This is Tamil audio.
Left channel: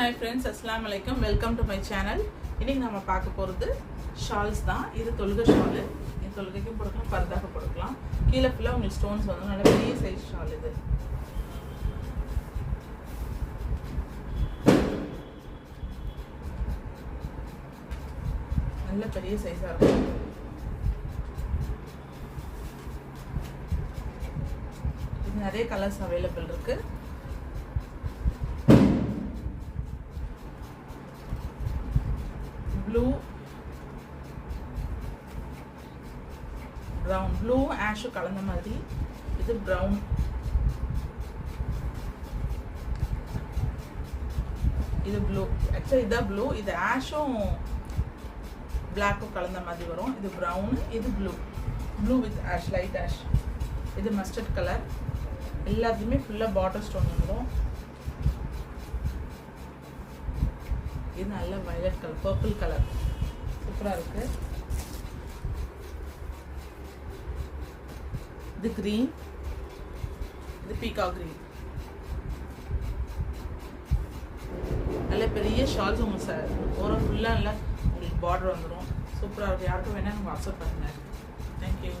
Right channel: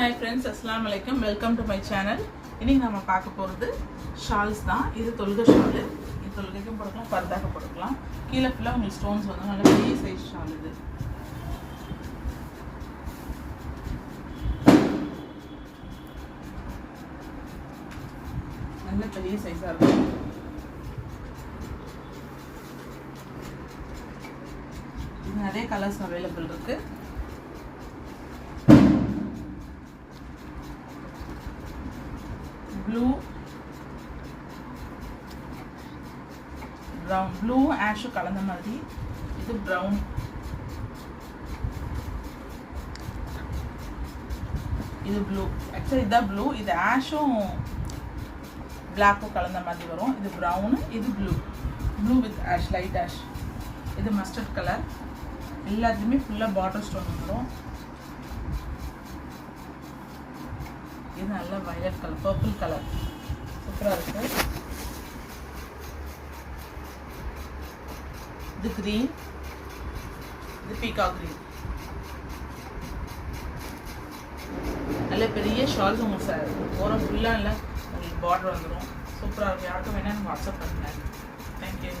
Hi friends, Assalamu alaikum. Welcome to my channel. இன்னைக்கு நாம பார்க்க போறது ஷால்ஸ் தான். இது தொல்கை ஷால். இது தொல்கைக்கும் போடலாம், பர்தாக்கு போடலாம். கீழ ஃபுல்லா உங்களுக்கு ஸ்டோன்ஸ் வந்து நல்ல பெரிய சைஸ் ஷால் இது. நல்ல பெரிய சைஸா இருக்கும். இது நிறைய கலர்ஸ் அவைலபிள் இருக்கு. blue, brown, blue ash கலந்த மாதிரி. இது brown, இது blue. actually இது blue, இது ashம் black கலந்த மாதிரி வரும். இது brown, இது blue, blue with ash, light ash. இது mustard color. எல்லாத்துலயுமே ஃபுல்லா border stone வரும். இது நல்ல violet color, purple color, சூப்பரா இருக்கு. இது green, இது peacock green. நல்ல பெரிய ஷால்ஸ் உங்களுக்கு போற ஃபுல்லா இல்ல border வந்துரும். சூப்பரா இருக்கு. யாருக்கு வேணா வாட்ஸ்அப் பண்ணுங்க. Thank you.